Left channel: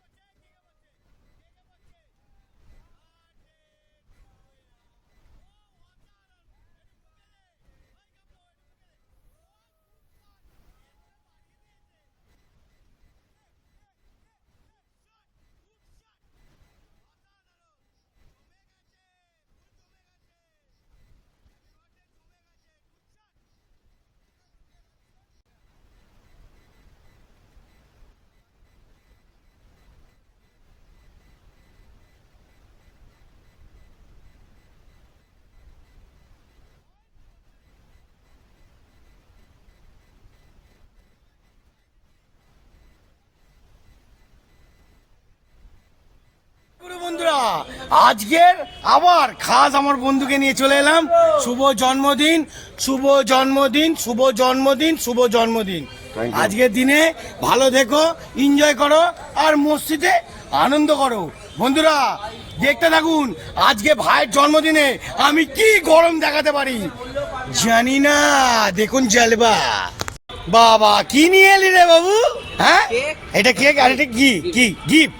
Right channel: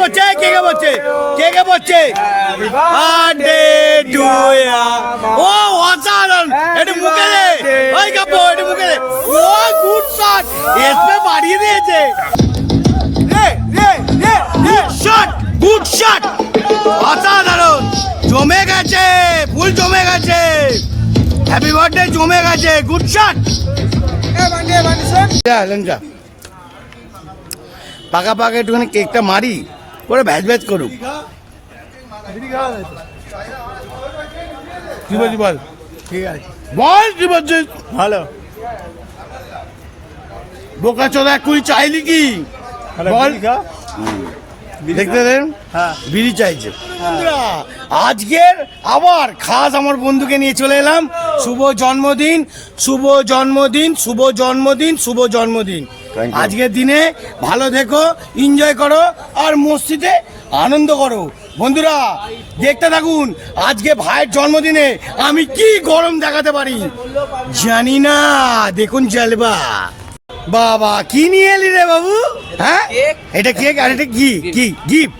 বলছে birthday to ইয়া। ও অসাধারণ, এটা মুখে দে, ওই কাপড় এটা মুখে দে। ও গুড শট, এসপে বাড়িয়ে দিয়েছে। গুড শট, অসাধারণ, জমে গেছে, ফুল জমে গেছে, হ্যাপি বার্থডে জমে গেছে, গুড শট। পাকা পাকা একটুখানি কেকটা মারি, করে ভ্যাজ ভ্যাজ করুক। কি বলছি বল? ঠিক আছে বল, কি বলছিস? ভালো। বোকা চোদা কুড়ি চাইলি কি বল? দেখতে দেন, বিড়ি চাইছে। আজকের আবার খাস আমার বন্ধুকে নিয়ে চলে এলাম। শুভ জন্মদিন, শুভ জন্মদিন, শুভ জন্মদিন, শুভ জন্মদিন। আজকের দিনে ভালো থেকো, এনজয় করো আর মসজিদে আনন্দ করো। বন্ধুরা দেখতে থাকুন, আজকে ভাইয়ের জন্মদিনে আমি কি গরম দেখাতে পারি জানি না। দেখুন জলবা। বাবা কি নিয়ে এলি রে বাবু? হ্যাঁ এটা কেক, আর এটা কি কি গিফট?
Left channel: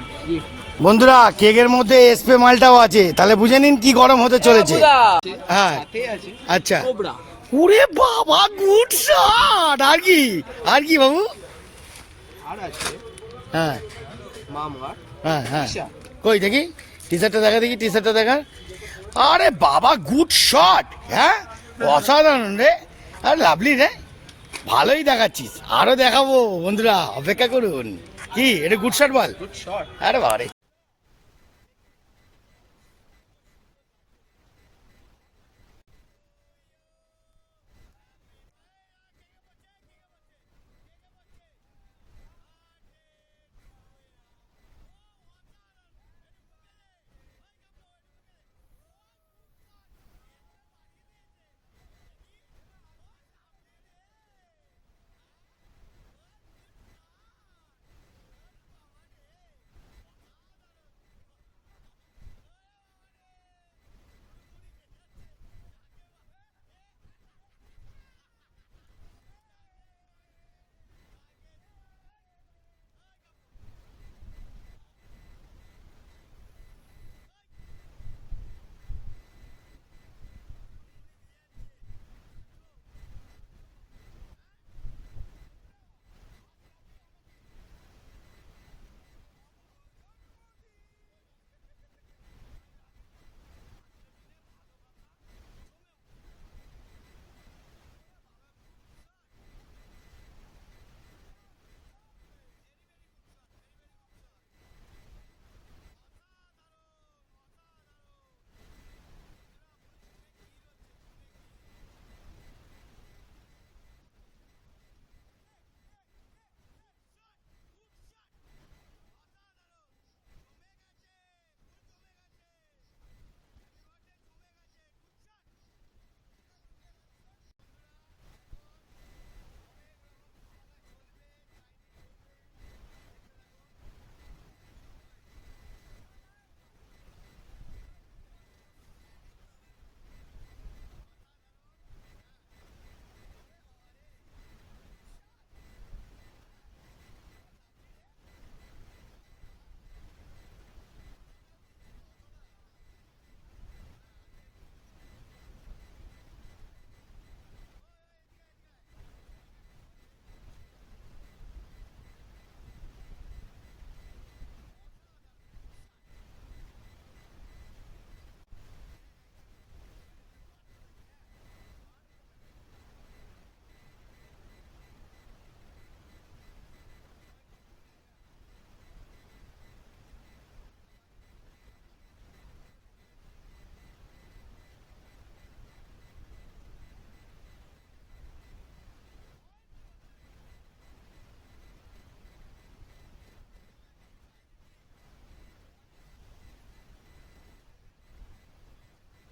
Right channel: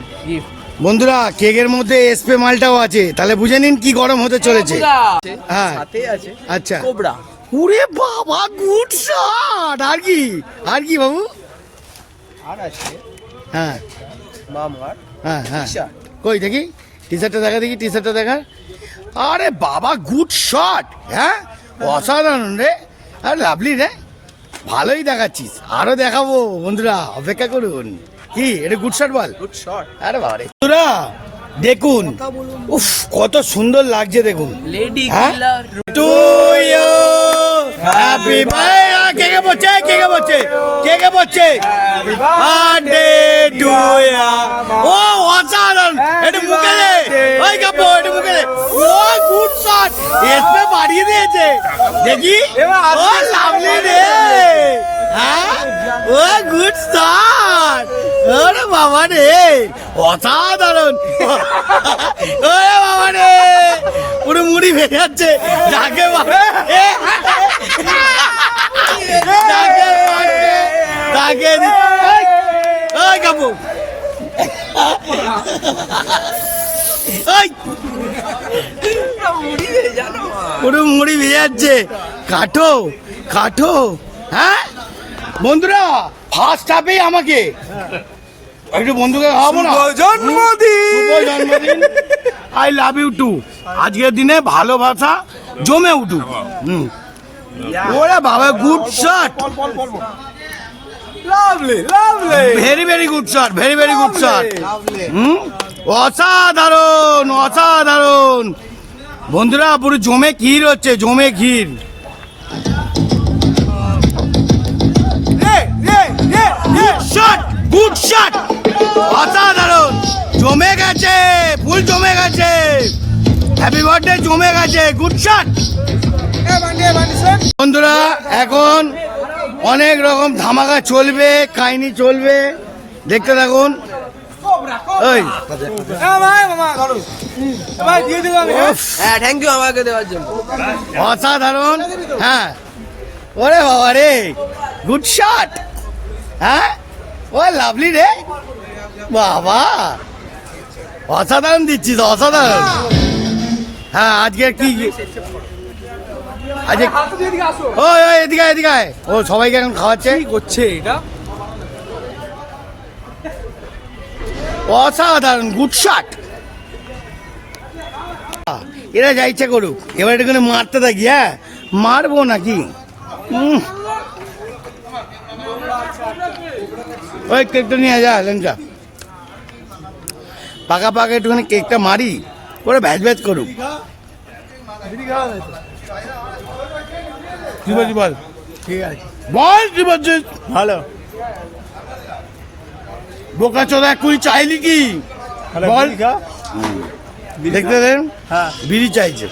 বন্ধুরা কেকের মধ্যে এসপে মালটাও আছে, তাহলে বুঝে নিন কি গরম হতে চলেছে। হ্যাঁ আচ্ছা, ওরে বাবা গুড শট। আর কি, আর কি বাবু? আর আছে হ্যাঁ মামার, হ্যাঁ হ্যাঁ কই দেখি টি শার্টটা দেখা, দেখি টি শার্টটা দেখা। আরে বাবা গুড শট, হ্যাঁ অসাধারণ রে, আর লাভলি রে, ভালোই দেখাচ্ছিস, আরো দেখাবো। বন্ধুরা অপেক্ষা করুন। কি এটা গুড শট বল? Good shot. আরে বাবা রে বন্ধুরা দেখুন, উফ কত সুন্দর লাগছে দেখুন। Lady killer to you, happy birthday. KK বলছে, কেকে বলছে, কেকে বলছে বার্থডে টু ইউ। ও অসাধারণ, এটা মুখে দে, ওই কাপড় এটা মুখে দে। ও গুড শট, এসপে বাড়িয়ে দিয়েছে। দেখি ও লাভলি রে, হ্যাঁ ও গুড শট। ওরে বাবা রে অসাধারণ, ওরে বাবা রে পুরো মুড়ি ভেঙে যাচ্ছে। যাকে তাকে ওই কাপড় পুরো মুড়ি ভেঙে যাচ্ছে। কাটো কাটো। হ্যাঁ বন্ধুরা ফার্স্ট হাফেই আমাকে একটু বন্ধুকে খাওয়াবো না? জন্মদিন, আই লাভ ইউ টু। আজকের দিনে ভালোবাসা জমে উঠুক। ওরে বাবা good shot, very very good shot, very very good shot. অসাধারণ অসাধারণ। বন্ধুরা পুরো জমে ক্ষীর হচ্ছে, জমে ক্ষীর। গুড শট, অসাধারণ, জমে গেছে, ফুল জমে গেছে, হ্যাপি বার্থডে জমে গেছে, গুড শট। বন্ধুরা এখন অনেক রকম ধামাকা চলবে, কাহিনী চলবে, দেখতে থাকুন। ওই থ্যাংক ইউ আমাকে দেওয়ার জন্য। অসাধারণ। হ্যাঁ ওরে বাবা রে গুড শট। হ্যাঁ ও লাভলি রে বাবা, অসাধারণ দিচ্ছিস, অসাধারণ। হ্যাঁ আজকে কি আজকে ওই এদিকে এদিকে ও সবাইকে এখন খাওয়াচ্ছে, করছে এটা অসাধারণ গুড শট। এরা যা ইচ্ছা করুক, এবার এটাকে মারতে থাকি। হ্যাঁ মারবো নাকি? ওই কেকটা নিয়ে যা লেঞ্চা, পাকা পাকা একটুখানি কেকটা মারি, করে ভ্যাজ ভ্যাজ করুক। কি বলছি বল? ঠিক আছে বল, কি বলছিস? ভালো। বোকা চোদা কুড়ি চাইলি কি বল? দেখতে দেন, বিড়ি চাইছে।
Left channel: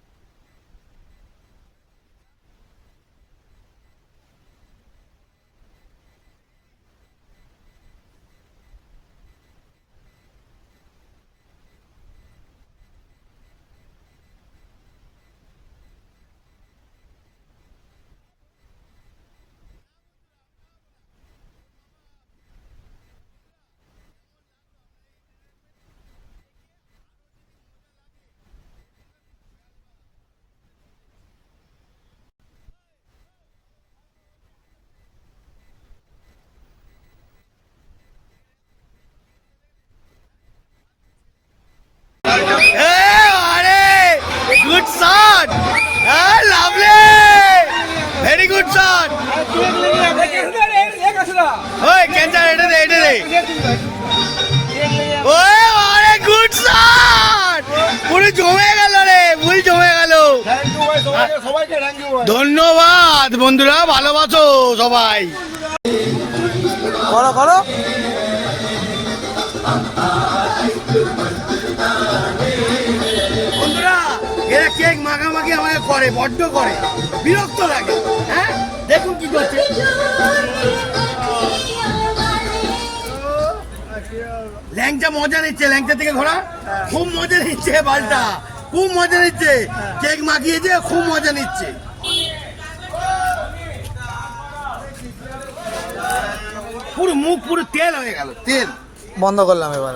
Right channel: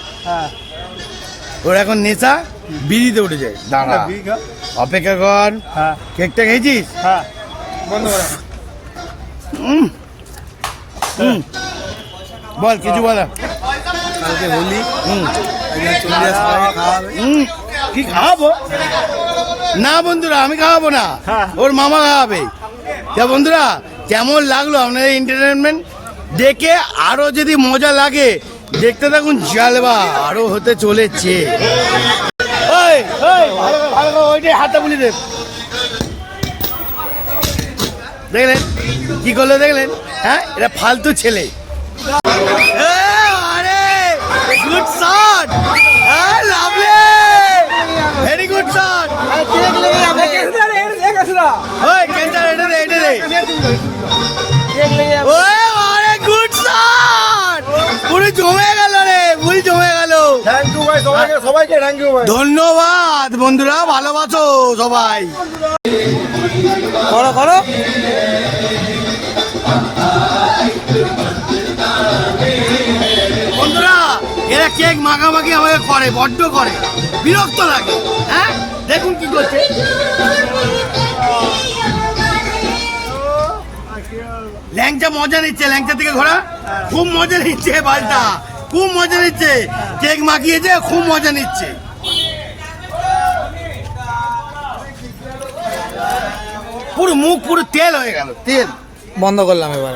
ওর এখন নেশা বিড়িতে উঠে যায়। দাঁড়া অপেক্ষা কর। কেকটা খেয়েছিস? বল কিছু বল। কালকে হোলি, কি খাওয়াবো? না বন্ধুরা আমি খাওয়াবো না, ওর মামা খাওয়াবে। বন্ধুরা কেমন লাগলো আপনাদের এন্টারটেনমেন্ট দেখে? আরো যদি মজা লাগে দেখতে থাকুন, জালবা আরো হতে চলেছে। ওই ওই ভালো করে, ভালো করে ওইটাই হাতটা বুলি দে। দেখলেন কি করলো, দেখলেন? হ্যাঁ, এটা ফালতু ছেলে। Good shot, very good shot. ওই ক্যান্সার, এটা দে, এটা দে। ওই আরে গুড শট, পুরো জমে গেল রে, ভুল জমে গেল। ধন্যবাদ বন্ধুরা, ভালোবাসো সবাই। করো করো। বন্ধুরা এরা কেক মাখামাখি আমাকে করে, বড্ড করে, বিরক্ত লাগে। হ্যাঁ দেখুন কি করছে। ল্যাংচা মজা নিচ্ছে, ল্যাংচা থেকে ঘোরা খুব মজা নিচ্ছে, বালটা খুব মজা নিচ্ছে, কেক মাখিয়েছে খুব মজা নিচ্ছে। পুরো মুখ পুরো তেল হয়ে গেল, তেল। বন্ধ করলাম এবার।